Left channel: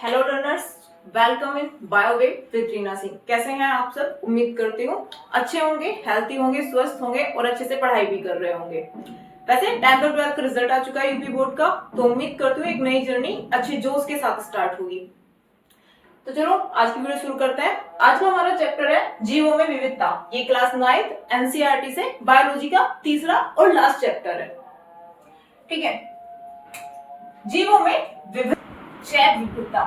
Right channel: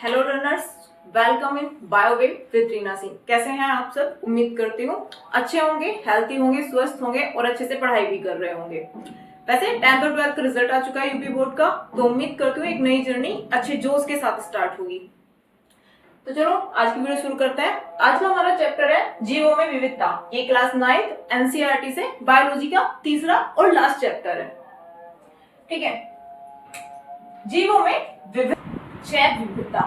Hello learners, welcome in Biowave with Reena Singh. कैसे हैं आप सब? उम्मीद करती हूँ अच्छे होंगे, हेल्थी होंगे, स्वस्थ होंगे और अच्छे से पढ़ाई भी कर रहे होंगे। वैसे 10th और 12th का रिजल्ट आ चुका है यूपी बोर्ड का, तो उम्मीद करती हूँ एक नई जर्नी अच्छे जोश के साथ स्टार्ट होगी। तो चलो आज की वीडियो शुरू करते हैं। आज का हमारा चैप्टर है जीवों में विविधता। ये क्लास 9th एनसीईआरटी से बायोलॉजी का तीसरा और लास्ट चैप्टर है। ठीक है, जीवों में जैव विविधता,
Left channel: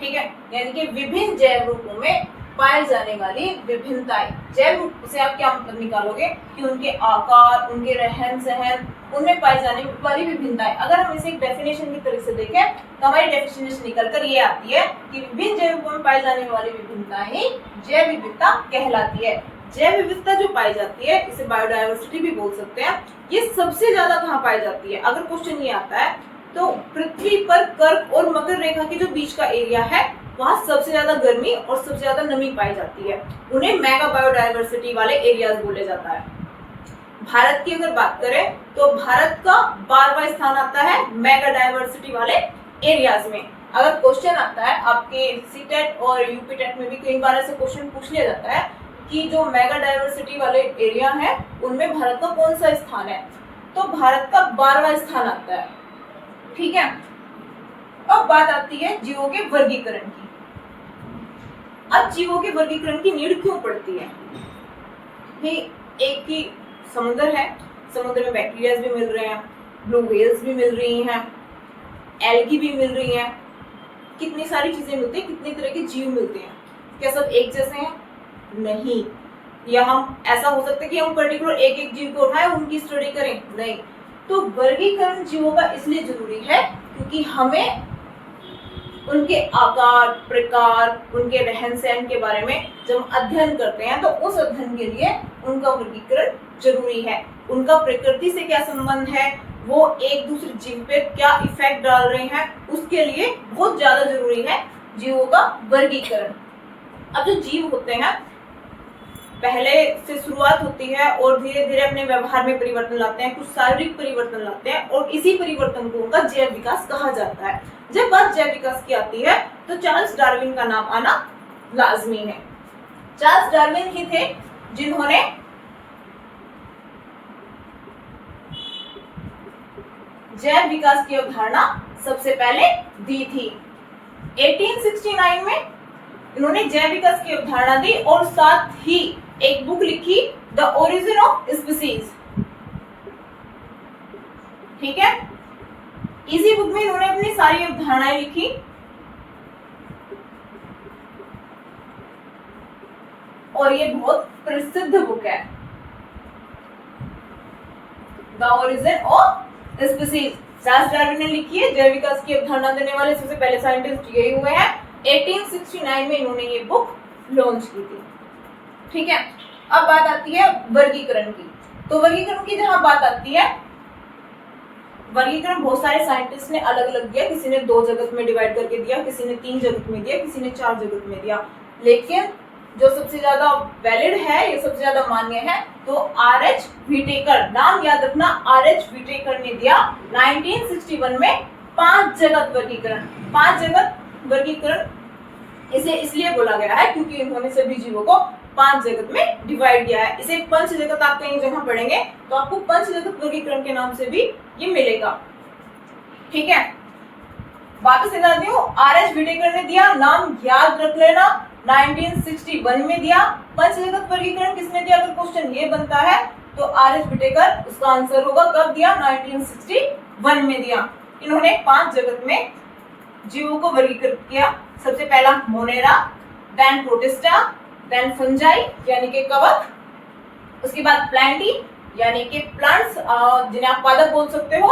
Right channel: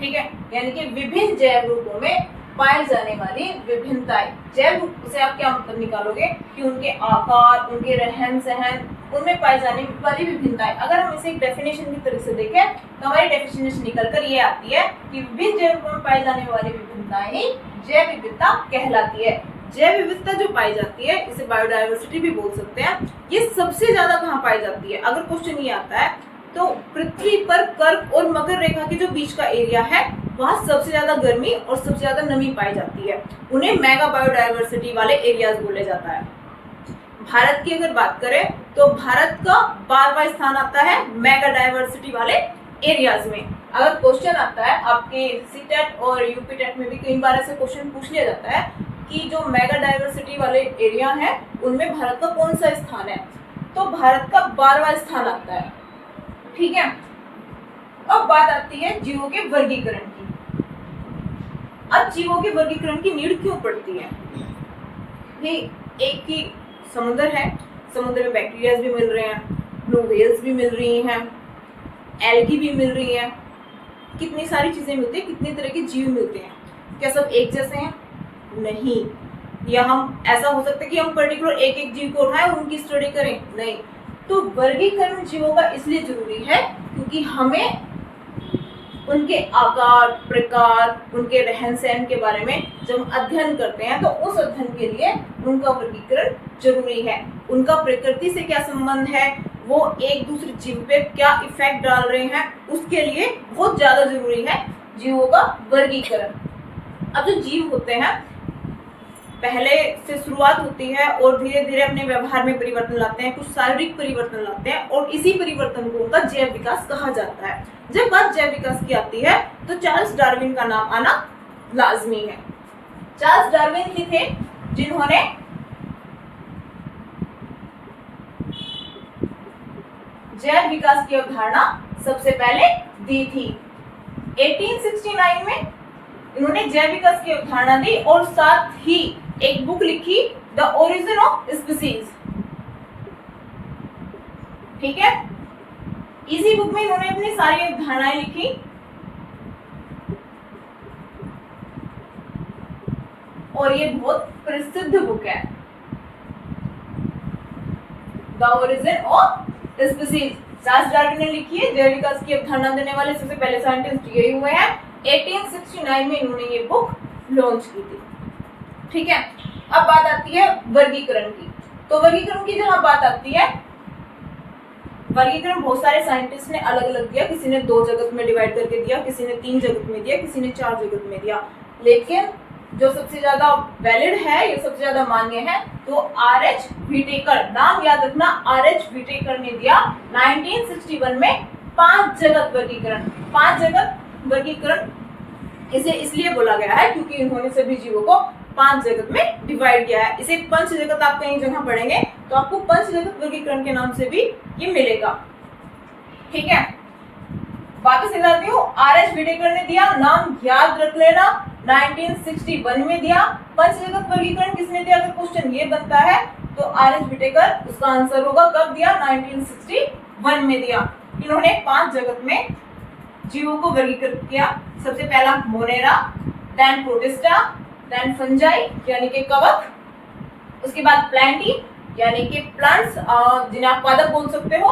ठीक है, यानी कि विभिन्न जैव रूपों में पाई जाने वाली विभिन्नताएं। जैव रूप से आप क्या मतलब निकालोगे कि उनके आकार, उनके रहन सहन, उनमें पाई जाने वाली विभिन्नताएं। अगर हम इसे एक डेफिनेशन की तरह से देखें तो हमारी डेफिनेशन निकलकर ये आती है कि विभिन्न जैव रूपों में पाई जाने वाली विभिन्नताएं ही जैव विविधता कहलाती है। जैव विविधता जो पाई जाती है इसे बायोडायवर्सिटी भी बोल सकते हैं। ये सबसे ज्यादा कहाँ पाई जाती है? अगर क्वेश्चन ये आता है तो पृथ्वी पर कर्क और मकर रेखा के जो बीच का एरिया है वहां सबसे ज्यादा गर्मी और सबसे ज्यादा नमी पाई जाती है। उन्हें मेगा बायोडायवर्सिटी वाले एरियाज बोले जाता है। भारत की अगर बात करें तो भारत का 12वां स्थान आता है मेगा डायवर्सिटी वाले एरियाज में। अगर क्वेश्चन आता है आपके सीटेट और यूपी टेट में भी कई बार ऐसे क्वेश्चन पूछ लिया जाता है कि जो मेगा डायवर्सिटी वाले एरिया है उनमें भारत का कौन सा स्थान है, तो भारत का 12वां स्थान आता है। ठीक है, अब बात आती है जीवों के वर्गीकरण की। अब जीवों के वर्गीकरण की नीड क्यों पड़ती है? ये एक ही समुद्र है, समुद्र में बैक्टीरिया भी मिल रहे हैं, ब्लू व्हेल्स भी मिल रही हैं, एल्गी भी मिल रही हैं, कितनी सारी चीजें मिलती है, कितनी तरह के जीव मिलते हैं। क्या सब एक जैसे हैं? नहीं। या हम ऐसा हो सकता है कि हम पर्टिकुलर एक एक जीव को उठाएं उनकी स्टडी करें? नहीं। तो वर्गीकरण जीवों का इसलिए जरूरी है क्योंकि हमें उनके आकार, प्रकार, उनके रहन सहन के बारे में जब हम अध्ययन करते हैं तो उस अध्ययन के लिए उनका वर्गीकरण जरूरी है। उनका प्रकृति से क्या संबंध है, वो एक दूसरे जीव पे क्या इफेक्ट डाल रहे हैं, उसके लिए बहुत ज्यादा जरूरी है जीवों का वर्गीकरण। अब जो जीव होते हैं पहले से शुरुआत होती है और धीरे धीरे अपने व्यवहार में परिवर्तन लाते हैं, कुछ शारीरिक परिवर्तन लाते हैं और इसी परिवर्तन को उनका जैव विकास कहा जाता है। जब बात जैव विकास की आती है तो चार्ल्स डार्विन का नाम आना लाजमी है। चार्ल्स डार्विन ही थे जिन्होंने जैव विकास की अवधारणा सबसे पहले दी थी। 1869 में इन्होंने जैव विकास की अवधारणा दी और साथ ही एक बुक लिखी, द ओरिजिन ऑफ स्पीसीज। ठीक है, इसी बुक में इन्होंने अपनी सारी अवधारणाएं लिखी और ये बहुत प्रसिद्ध बुक है, the origin of species. Charles Darwin ने लिखी है। जैव विकास की अवधारणा देने वाले सबसे पहले साइंटिस्ट यही हुए हैं। 1869 में इन्होंने ये बुक लॉन्च की थी। ठीक है, अब बात आती है वर्गीकरण की। तो वर्गीकरण की जहां बात आती है, वर्गीकरण बहुत सारे साइंटिस्ट ने अलग अलग दिया। किसी ने 2 जगत में डिवाइड करके दिया, किसी ने 3 जगत में दिया, किसी ने 4 जगत में दिया। लेकिन जो सबसे ज्यादा वैलिड है, ये सबसे ज्यादा मान्य है, तो आर.एच. व्हिटेकर, नाम याद रखना, आर.एच. व्हिटेकर ने दिया 1961 में 5 जगत वर्गीकरण। 5 जगत वर्गीकरण इसे इसलिए बोला गया है क्योंकि इन्होंने सभी जीवों को 5 जगत में डिवाइड किया है। इसे पंच जगत आप कहीं जगह पढ़ेंगे तो आपको पंच जगत वर्गीकरण के नाम से भी ये मिलेगा। ठीक है, वापस बताती हूँ, आर.एच. व्हिटेकर ने दिया, नाम याद रख लेना, 1961 में दिया। पंच जगत वर्गीकरण किसने दिया? अगर क्वेश्चन ये बनता है तो आर.एच. व्हिटेकर, उसका आंसर होगा कब दिया? 1961 में दिया। इन्होंने 5 जगत में जीवों को वर्गीकृत किया। सबसे पहला Monera, then Protista, then fungi यानी कि कवक, उसके बाद प्लांटी यानी कि प्लांट्स जिन्हें आप पादप बोल सकते हो,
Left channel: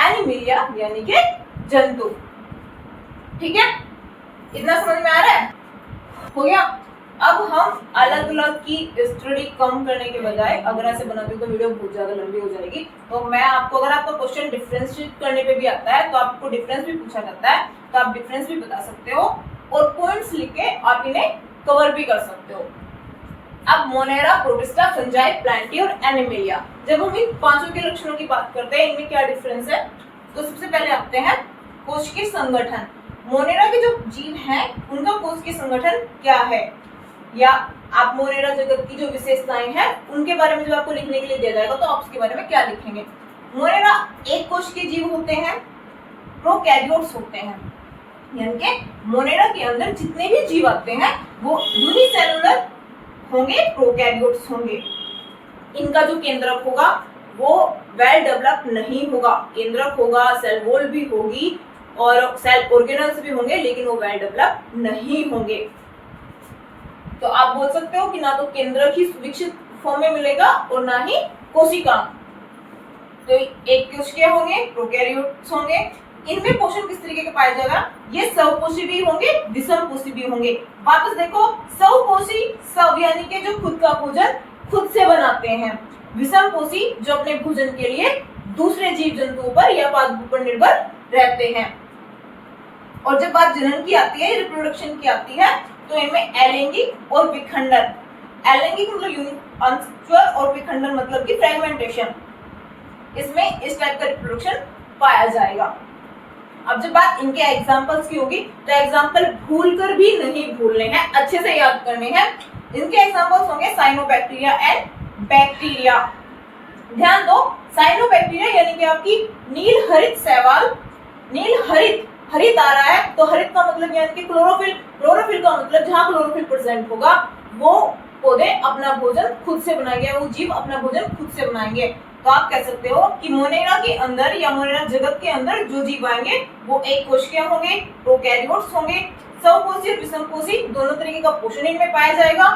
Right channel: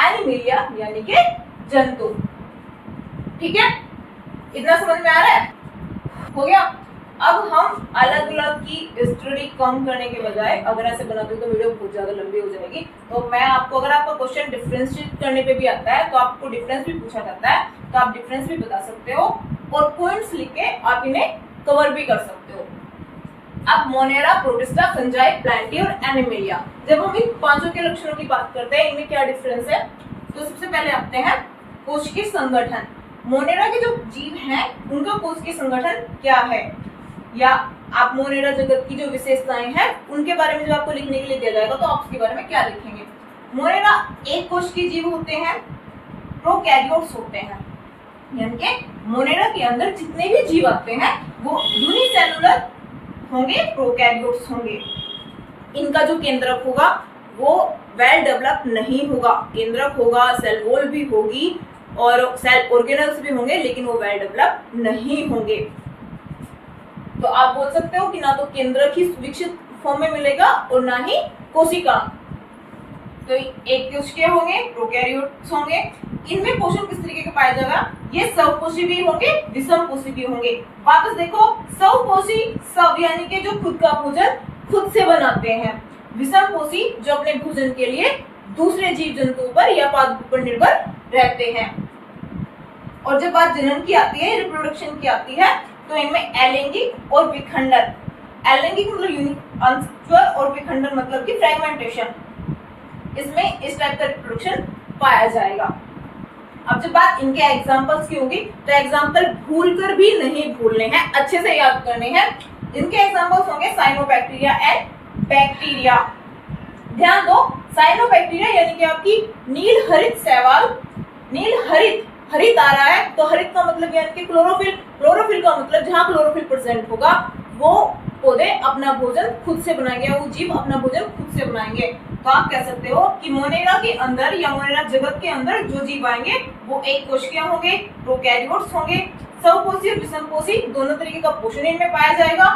एनिमिलिया यानी कि जंतु। ठीक है, इतना समझ में आ रहा है? हो गया। अब हम अलग अलग की स्टडी कम करने के बजाय अगर ऐसे बनाते हो तो वीडियो बहुत ज्यादा लंबी हो जाएगी। तो मैं आपको, अगर आपका क्वेश्चन डिफरेंशिएट करने पे भी आता है तो आपको डिफरेंस भी पूछा जाता है तो आप डिफरेंस भी बता सकते हो और पॉइंट्स लिख के आप इन्हें कवर भी कर सकते हो। अब मोनेरा, प्रोटिस्टा, फंजाई, प्लांटी और एनिमिलिया, जब हम इन पांचों के लक्षणों की बात करते हैं, इनमें क्या डिफरेंस है? तो सबसे पहले आते हैं कोशिकीय संगठन। मोनेरा के जो जीव हैं उनका कोशिकीय संगठन क्या है, या आप मोनेरा जगत की जो विशेषताएं हैं उनके बारे में जब आपको लिखने के लिए दिया जाएगा तो आप उसके बारे में क्या लिखेंगे। मोनेरा एक कोशिकीय जीव होते हैं, प्रोकैरियोट्स होते हैं, यानी कि मोनेरा के अंदर जितने भी जीव आते हैं वो यूनिसेलुलर होंगे, प्रोकैरियोट्स होंगे। इनका जो केंद्रक होगा वो वेल डेवलप नहीं होगा, केंद्रक होगा, सेल वॉल भी होगी और सेल ऑर्गेनल्स भी होंगे, लेकिन वो वेल डेवलप नहीं होंगे। तो आप बोल सकते हो कि ना तो केंद्रक ही विकसित फॉर्म में मिलेगा और ना ही कोशिका। तो एक कोशिकीय होंगे, प्रोकैरियोट्स होंगे। इनमें पोषण किस तरीके का पाया जाएगा, ये स्वपोषी भी होंगे, विषमपोषी भी होंगे। वापस देखो, स्वपोषी स्व यानी कि जो खुद का भोजन खुद से बनाते हैं, विषमपोषी जो अपने भोजन के लिए दूसरे जीव जंतुओं पर या पादपों पर निर्भर रहते हैं। और जब बात जनन की आती है, रिप्रोडक्शन की आती है, तो इनमें अलैंगिक और विखंडन, अलैंगिक मतलब अंशत्व और विखंडन मतलब कि फ्रेगमेंटेशन, इसमें इस टाइप का रिप्रोडक्शन पाया जाएगा। अब जब बात इनके एग्जांपल्स की होगी तो एग्जांपल भूलकर भी नहीं भूलने हैं, अच्छे से याद करने हैं। इनके एग्जांपल्स होंगे साइनोबैक्टीरिया एंड बैक्टीरिया। ध्यान दो, साइनोबैक्टीरिया यानी कि आपकी नील हरित शैवाल, नील हरित, हरित आ रहा है तो हरित का मतलब यानी कि क्लोरोफिल, क्लोरोफिल का मतलब जहां क्लोरोफिल प्रेजेंट होगा वो पौधे अपना भोजन खुद से बनाएंगे, वो जीव अपना भोजन खुद से बनाएंगे। तो आप कह सकते हो कि मोनेरा के अंदर या मोनेरा जगत के अंदर जो जीव आएंगे वो एक कोशिकीय होंगे, प्रोकैरियोट्स होंगे, स्वपोषी और विषमपोषी दोनों तरीके का पोषण इनमें पाया जाएगा।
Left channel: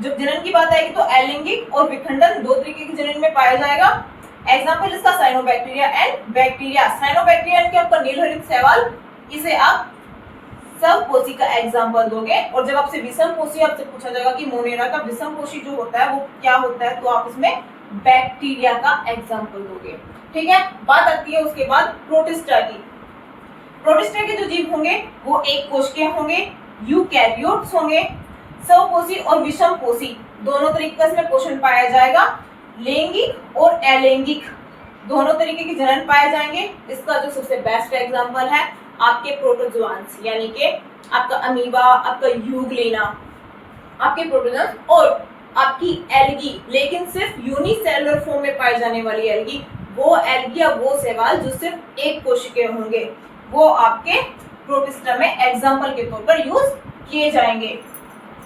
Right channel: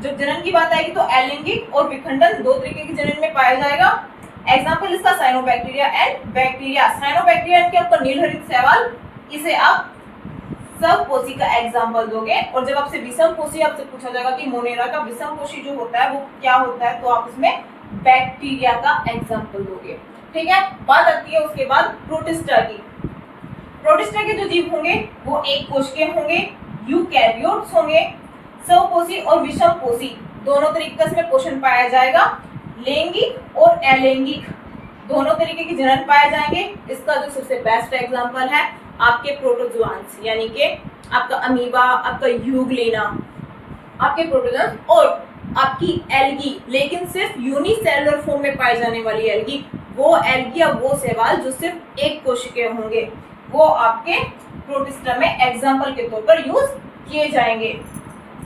जब जनन की बात आएगी तो अलैंगिक और विखंडन दो तरीके के जनन में पाया जाएगा। एग्जाम्पल इसका साइनोबैक्टीरिया एंड बैक्टीरिया। साइनोबैक्टीरिया यानी कि आपका नीलहरित शैवाल, इसे आप स्वपोषी का एग्जाम्पल दोगे। और जब आपसे विषमपोषी आपसे पूछा जाएगा कि मोनेरा का विषमपोषी जो होता है वो क्या होता है, तो आप इसमें बैक्टीरिया का एग्जाम्पल दोगे। ठीक है, बात आती है उसके बाद प्रोटिस्टा की। प्रोटिस्टा के जो जीव होंगे वो एक कोशिकीय होंगे, यूकैरियोट्स होंगे, स्वपोषी और विषमपोषी दोनों तरीके का इसमें पोषण पाया जाएगा। लैंगिक और अलैंगिक दोनों तरीके के जनन पाए जाएंगे। इसका जो सबसे बेस्ट एग्जाम्पल है आपके प्रोटोजोआंस, यानी कि आपका अमीबा, आपका यूग्लिना, आपके प्रोटोजोआंस और आपकी एल्गी, लेकिन सिर्फ यूनिसेलुलर फॉर्म में पाई जाने वाली एल्गी, वो एल्गी या वो शैवाल जो सिर्फ एक कोशिकीय होंगे, वो आपके प्रोटिस्टा में एग्जाम्पल के तौर पर यूज किए जाएंगे।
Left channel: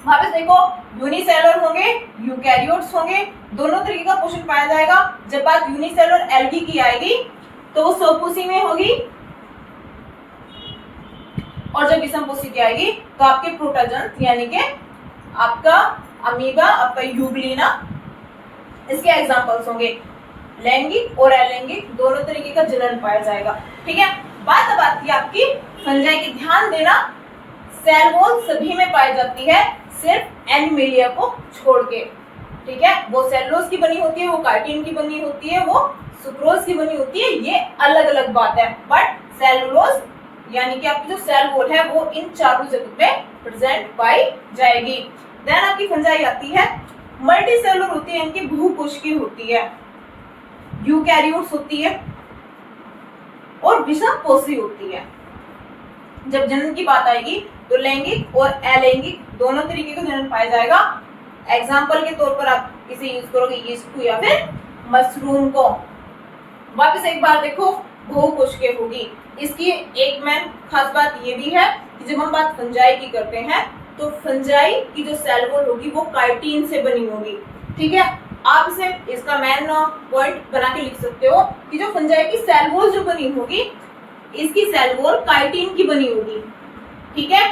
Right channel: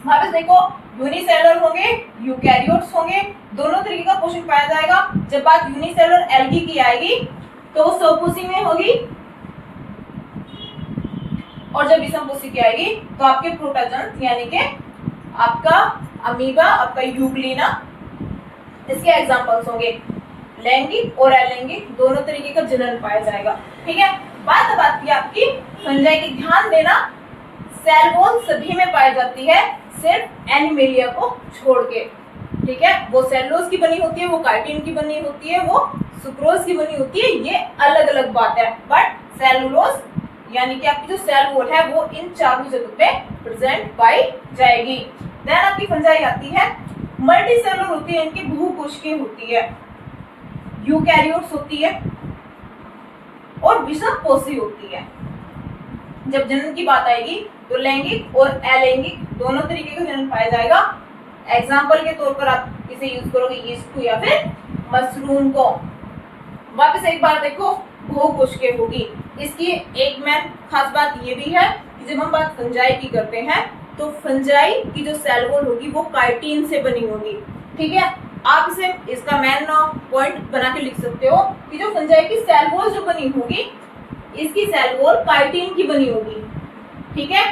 वापस देखो, यूनिसेलुलर होंगे, यूकैरियोट्स होंगे, दोनों तरीके का पोषण पाया जाएगा। जब बात यूनिसेलुलर एल्गी की आएगी तो वो स्वपोषी में होगी, और जब विषमपोषी की आएगी तो आपके प्रोटोजोआंस यानी कि आपका अमीबा, आपका यूग्लिना, इसके एग्जांपल्स होंगे। लैंगिक और अलैंगिक दोनों तरीके का जनन पाया जाएगा। ठीक है, बात अब आती है आपकी फंजाई की। ध्यान देना, सेल वॉल सभी में पाई जाती है सिर्फ एनिमेलिया को छोड़ के। ठीक है, वो सेलुलोज की बनी होती है, वो काइटिन की बनी होती है, वो सुक्रोज की बनी होती है, ये अलग अलग बात है। बट सेलुलोज यानी कि आपकी जो सेल वॉल है वो इन चारों जगह पे प्रेजेंट पाई जाएगी। देन आपकी फंजाई आती है, मल्टी सेलुलर होती है, इनकी बहुकोशिकीय होती है, यूकैरियोट्स होती है और विषमपोषी होती है। जब जनन की बात आएगी तो लैंगिक और अलैंगिक दोनों तरीके का जनन पाया जाएगा। एग्जाम्पल के तौर पर आप इसे यूज करोगे यीस्ट को या फिर मशरूम को। वापस एक बार देखो, बहुकोशिकीय होगी। इसकी एक मेन खास बात ये भी है कि जब हम बात फंजाई की करते हैं तो फंजाई की जो सेल वॉल होगी वो काइटिन से बनी होगी। ठीक है, आप इसे इसका मेन पॉइंट बना के लिख सकते हो कि जो फंजाई की सेल वॉल जो बनी होगी, इसकी सेल वॉल काइटिन की बनी होगी। ठीक है,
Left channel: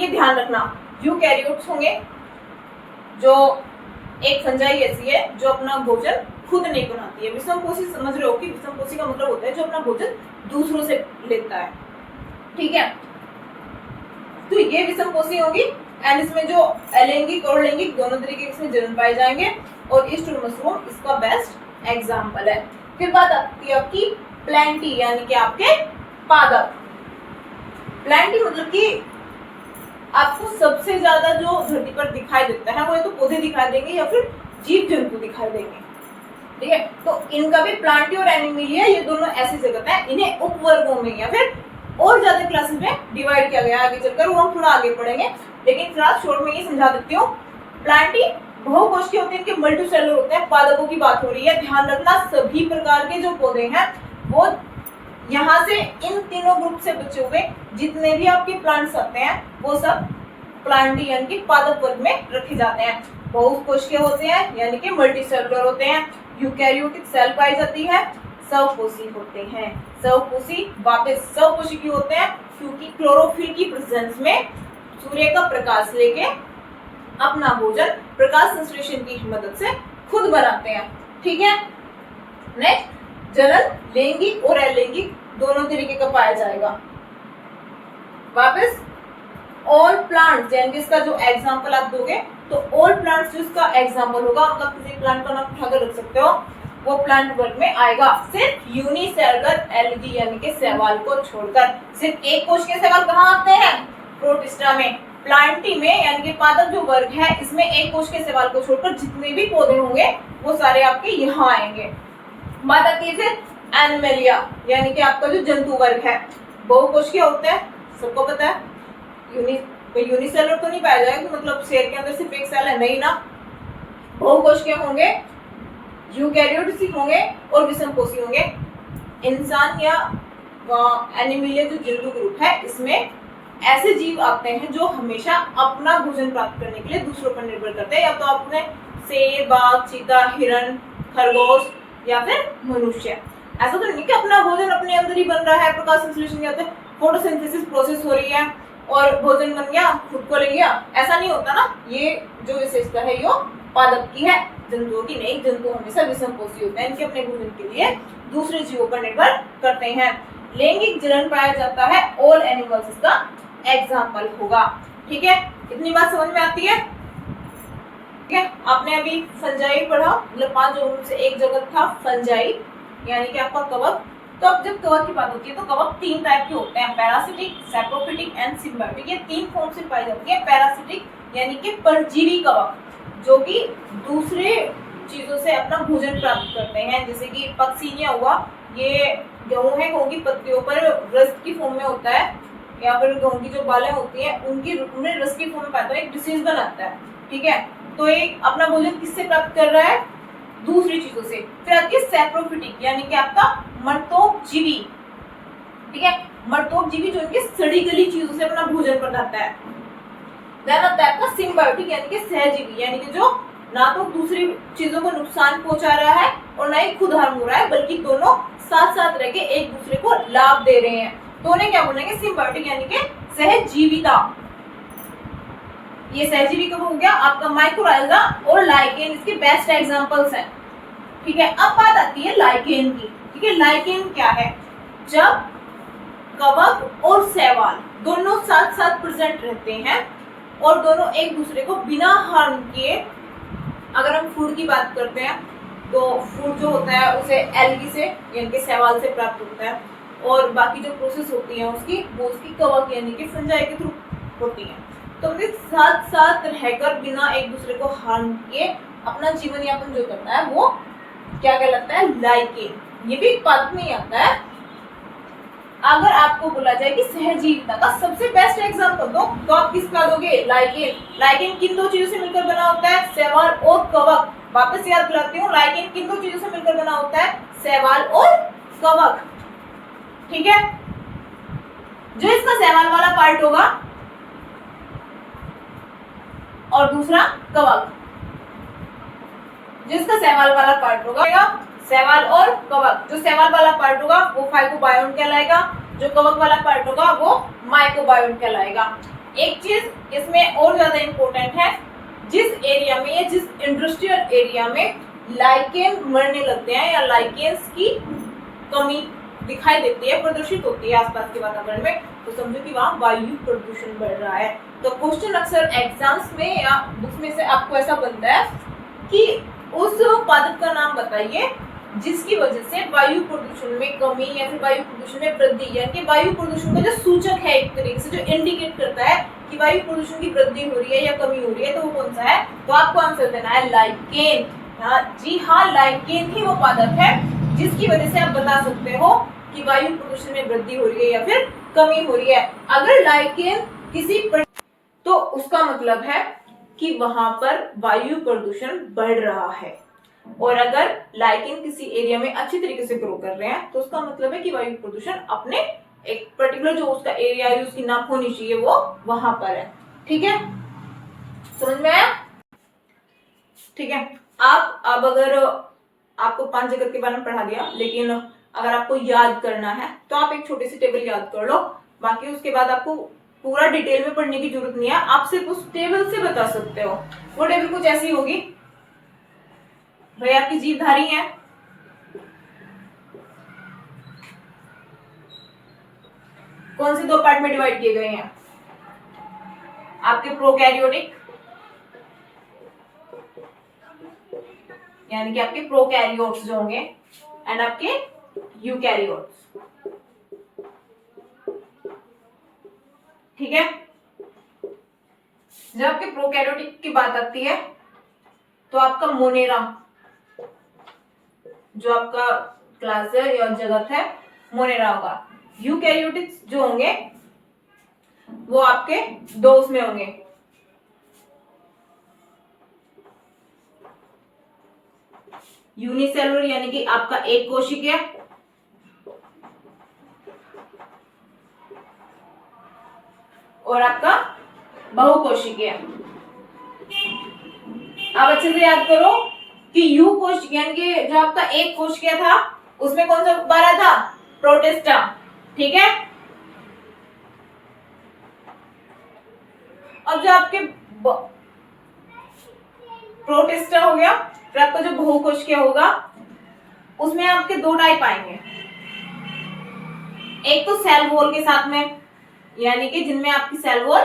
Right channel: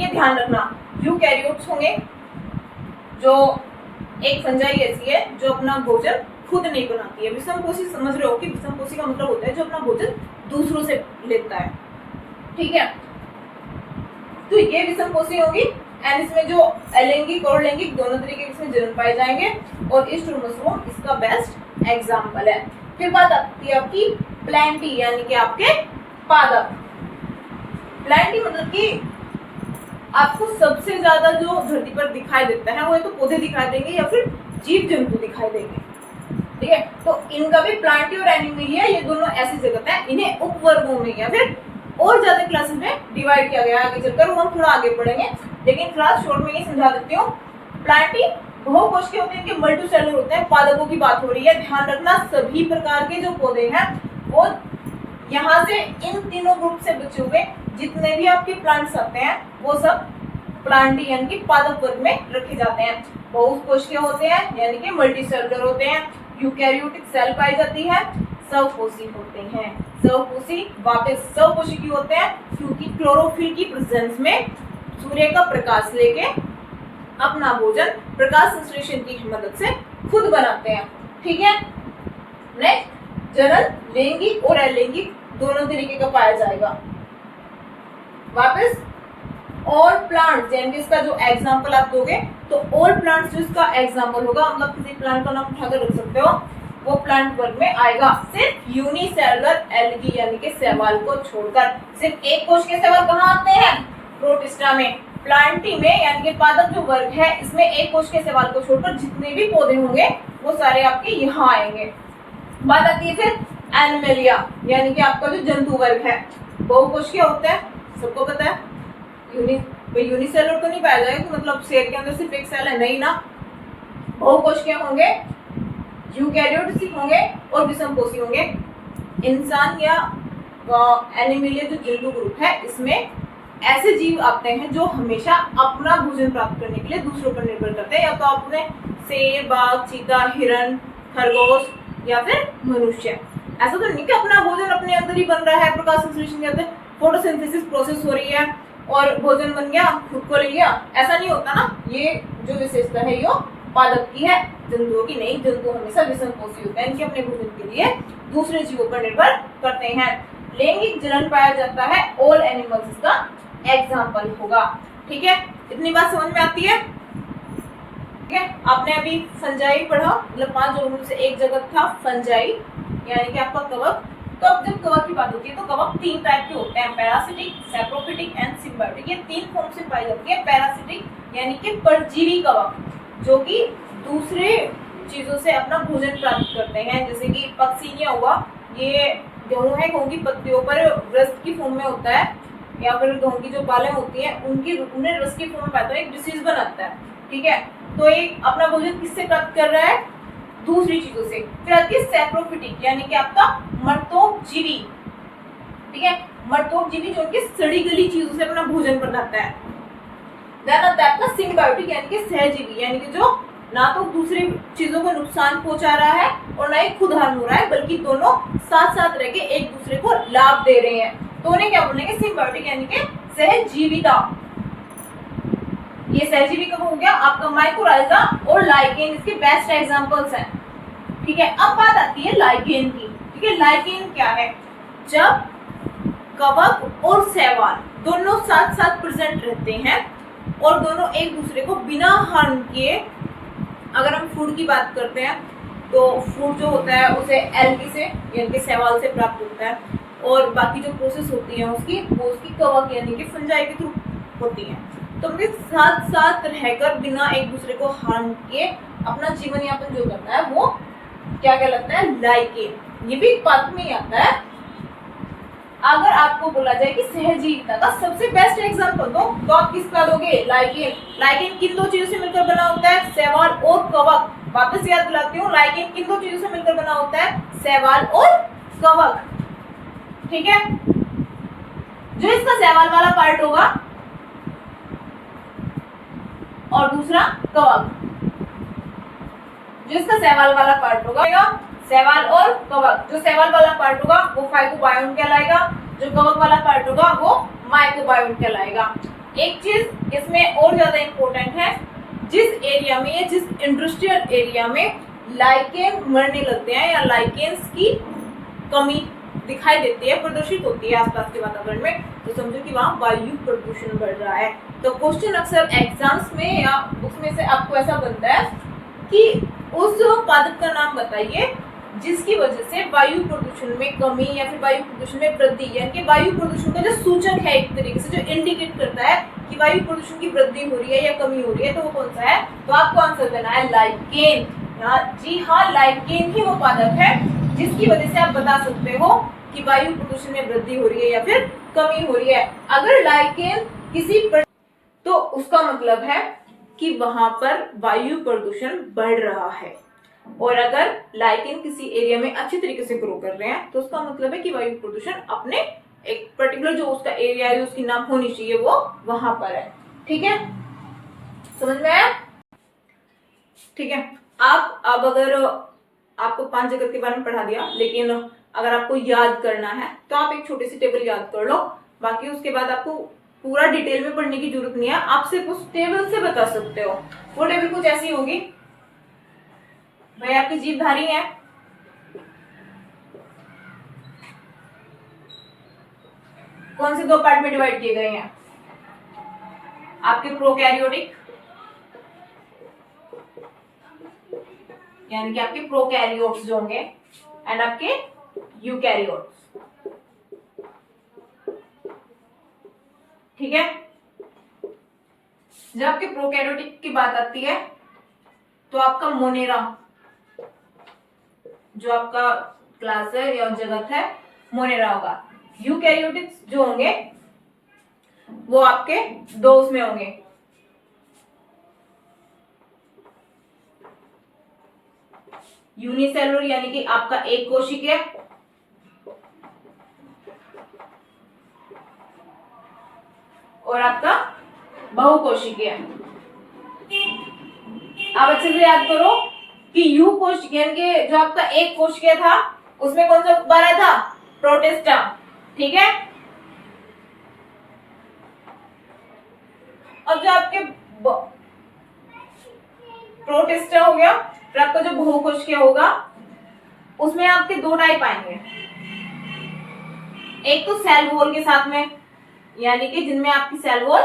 ये ध्यान रखना। यूकैरियोट्स होंगे, जो एक फंजाई ऐसी है जो अपना भोजन खुद नहीं बनाती है। विषमपोषी समझ रहे हो कि विषमपोषी का मतलब होता है जो अपना भोजन दूसरों से लेता है। ठीक है, तो ये विषमपोषी होगी। एंड इसमें जो अलैंगिक और लैंगिक दोनों तरीके इसमें जनन पाए जाएंगे और ईस्ट और मशरूम इसका बेस्ट एग्जाम्पल है। फिर बात आती है आपकी प्लैंटी यानी कि आपके पादप। प्लैंटी मतलब कि आपको सबसे ज्यादा जो धरती पर दिखाई देता है वो या तो पौधे दिखाई देंगे या फिर जीव जंतु दिखाई देंगे। ठीक है। तो इनका भी प्लांटी और एनिमेलिया ये दोनों ऐसी जगत है, इन्हें उपवर्गों में या फिर और ज्यादा क्लासेस में डिवाइड किया गया है। आगे चलकर वो हम थोड़ा आगे पढ़ेंगे, लेकिन फिलहाल शॉर्ट में ये समझा देती हूँ। प्लांटी बहुकोशिकीय होते हैं, इनके मल्टीसेलुलर होते हैं, पादपों की बात हो रही है। ध्यान रखना सभी प्रकार के जो पौधे हैं वो यहाँ से इन तीनों ग्रुप से बचे हुए जितने भी आपके प्लांट्स आते हैं वो सब प्लांटी यानी कि पादप वर्ग में रखे जाते हैं। बहुकोशिकीय होते हैं यानी कि मल्टीसेलुलर होते हैं। यूकैरियोटिक सेल पाई जाती है। स्वकोशी होते हैं। स्वकोशी वापस स्वकोशिकीय होते हैं क्योंकि क्लोरोफिल की प्रेजेंस में सूर्य का प्रकाश लेके अपना भोजन प्रकाश संश्लेषण की मदद से खुद बनाते हैं। ठीक है। नेक्स्ट, जनन लैंगिक और अलैंगिक दोनों तरीके का पाया जाएगा। वापस ऑल प्लांट्स यानी कि इसका जो एग्जांपल आप दोगे तो ऑल प्लांट्स जो इसका एग्जांपल होगा, मतलब किसी प्लांट का नाम उठाकर रख सकते हो, वो प्लांट वर्ग में आएगा। सिर्फ यूनिसेलुलर एल्गी यानी कि शैवाल को छोड़कर। सिर्फ एक कोश के शैवाल कहाँ आते हैं? प्रोटिस्टा में। प्लांटी में यानी कि पादप जो वर्ग है इसमें एक कोश के शैवाल को छोड़कर जितने भी पौधे होंगे वो सारे आपके यहाँ आएंगे। बात आती है फिर एनिमेलिया यानी कि आपका जो जंतु वर्ग है। बहुकोशिकीय होता है, सबको पता है। यूनिसेलुलर तो नहीं पाया जाएगा, मतलब सेल के अंदर सिर्फ एक सेल है, नहीं ना। बहुकोशिकीय होंगे, यूकैरियोटिक होंगे और विषमकोशी होंगे। इंसान या एनिमेलिया जो जंतु ग्रुप है इसमें ऐसे जीव आते हैं जो हमेशा अपना भोजन प्राप्त करने के लिए दूसरों पर निर्भर करते हैं, या तो आप उन्हें शेर, बाघ, चीता, हिरण, खरगोश या फिर मनुष्य। ऐसा तो नहीं कि अपना भोजन अपने अंदर ही बन रहा है, प्रकाश संश्लेषण कहते हैं, फोटोसिंथेसिस प्रोसेस हो रही है और भोजन बन गया, खुद को ले लिया, ऐसा नहीं होता ना। ये जो विशेषता है ये पादप की है, जंतुओं की नहीं। जंतु हमेशा विषमकोशी होते हैं, इनके अपने भोजन के लिए दूसरे जीवों पर निर्भर करते हैं। लैंगिक जनन पाया जाता है, ऑल एनिमल्स इसका एग्जाम्पल होगा। ठीक है, इतनी बात समझ में आती है? ठीक है, आपने अभी फंजाई पढ़ा, मतलब 5 जगहों से एक जगत था फंजाई यानी कि आपका कवक। तो अब जब कवक की बात होती है तो कवक 3 टाइप के होते हैं, पैरासिटिक, सैप्रोफिटिक एंड सिम्बायोटिक। ये 3 फॉर्म से पाई जाती है। पैरासिटिक यानी कि परजीवी कवक जो कि दूसरे चीजों से अपना भोजन प्राप्त करते हैं, जैसे कि पक्सीनिया हुआ, ये गेहूं है, गेहूं की पत्तियों पर रस की फॉर्म में होता है, या फिर गेहूं की जो बालें होती हैं उन्हें रस की फॉर्म में पाता है, एक डिसीज बनाता है। ठीक है, तो एक अपना भोजन किससे प्राप्त कर रहा है? दूसरी चीजों से। फिर आती है सैप्रोफिटिक यानी कि आपका मर्तोकजीवी। ठीक है, मर्तोकजीवी जो कि सड़ी गली चीजों से अपना भोजन बनाता है। देन आता है आपका सिम्बायोटिक यानी कि सहजीवी, यानी कि जो ना तो दूसरी चीजों को नुकसान पहुंचा रहा है और ना ही खुद हार्म हो रहा है, बल्कि दोनों साथ साथ रह के एक दूसरे को लाभ दे रहे हैं, तो उन्हें क्या बोलेंगे? सिम्बायोटिक यानी कि सहजीविता। ये सहजीवी कब हो गया? आपका माइकोराइजा और लाइकेन इसके बेस्ट एग्जांपल्स हैं। ठीक है, अब बात आती है लाइकेन की। ठीक है, लाइकेन क्या है? जब कवक और शैवाल दोनों साथ साथ प्रेजेंट रहते हैं और दोनों एक दूसरे को बिना हार्म किए, अगर हम फूड की बात करते हैं तो फूड जो होता है उसे एल्गी से यानी कि शैवाल से प्राप्त होता है, और बाकी जो प्रोसेस होती है उसकी वो उसकी कवक यानी कि फंजाई के थ्रू होती है। तो उनके साथ साथ रहकर बिना एक दूसरे को हार्म किए अपना जीवन यापन जो करता है वो क्या कहलाता है? लाइकेन। ये भी एक पादप में ही आता है। अगर आपको बोला जाए कि सहजीविता का सबसे बेस्ट एग्जांपल दो तो आप किसका दोगे? लाइकेन। लाइकेन किन 2 चीजों से मिलकर बना होता है? शैवाल और कवक। वापस याद दिलाती हूँ, लाइकेन किन 2 चीजों से मिलकर बना होता है? शैवाल और कवक। ठीक है, जो इसका शैवाल वाला पार्ट होगा और दूसरा कवक, जो इसका शैवाल वाला पार्ट होगा, शैवाल और कवक। जो शैवाल वाला पार्ट होगा वो फाइकोबायोन कहलाएगा, जो कवक वाला पार्ट होगा वो माइकोबायोन कहलाएगा। एक चीज इसमें और ज्यादा इंपॉर्टेंट है, जिस एरिया में या जिस इंडस्ट्रियल एरिया में लाइकेन मरने लगते हैं या लाइकेन्स की कमी दिखाई देती है, प्रदर्शित होती है आसपास के वातावरण में, तो समझो कि वहाँ वायु प्रदूषण बढ़ रहा है। तो क्वेश्चन अक्सर एग्जाम्स में या बुक्स में से आपको ऐसा बनता है कि उस पादप का नाम बताइए जिसकी वजह से वायु प्रदूषण में कमी या फिर वायु प्रदूषण में वृद्धि, यानी कि वायु प्रदूषण का जो सूचक है एक तरीके से जो इंडिकेट करता है कि वायु प्रदूषण की वृद्धि हो रही है या कमी हो रही है, तो वो कौन सा है? तो आपको आंसर देना है लाइकेन। जी हाँ, लाइकेन ही वो पादप है जिसकी वजह से आप बता सकते हो कि वायु प्रदूषण में वृद्धि हो रही है या फिर कमी हो रही है। अगर लाइकेन तो उसका मतलब है कि वहां पर वायु प्रदूषण बढ़ रहा है। और अगर लाइकेन किसी एरिया में अच्छी तरीके से ग्रो कर रहे हैं तो उसका मतलब है कि वायु प्रदूषण अपने एक पर्टिकुलर जो उसका एरिया है, उसकी नाप होनी चाहिए, वो वहां पर है। ठीक है, समझ में आया? ठीक है, आप अब अगर आपको 5 जगत के बारे में पढ़ा दिया, लेकिन अगर आपको याद करना है तो आप एक छोटी सी टेबल याद कर लो। बाकी उसके बाद आपको पूरा डिटेल में पढ़ने की जरूरत नहीं है, आप सिर्फ उस टेबल से बता सकते हो। वो टेबल कुछ ऐसी होगी, भाई आपकी जीवधारी है, कौन से 2 पार्ट में डिवाइड किए गए हैं? आपके प्रोकैरियोटिक, यानी कि आपके प्रोकैरियोट्स जो होंगे, एंड आपके यूकैरियोट्स। ठीक है, जब आपके प्रोकैरियोटिक की बात आती है तो आपका मोनेरा, जो आपका क्लास है या जगत है, मोनेरा होगा। यूकैरियोटिक्स जो होंगे वो आपके 2 उसमें होंगे, यूनिसेलुलर यानी कि आपका एक कोशिकीय, और आपका बहुकोशिकीय। आप अच्छे से याद करो कि यू कोशिकीय यानी कि जो आपका एक कोशिकीय था उसमें कौन सा गुब्बारा था? प्रोटिस्टा। ठीक है, अब जो आपके प्रोटिस्टा हो गया, फिर आपका जो बहुकोशिकीय होगा उसमें आपके 2 टाइप आएंगे। एक तो सेल वॉल के साथ में, यानी कि जिनमें आपकी सेल वॉल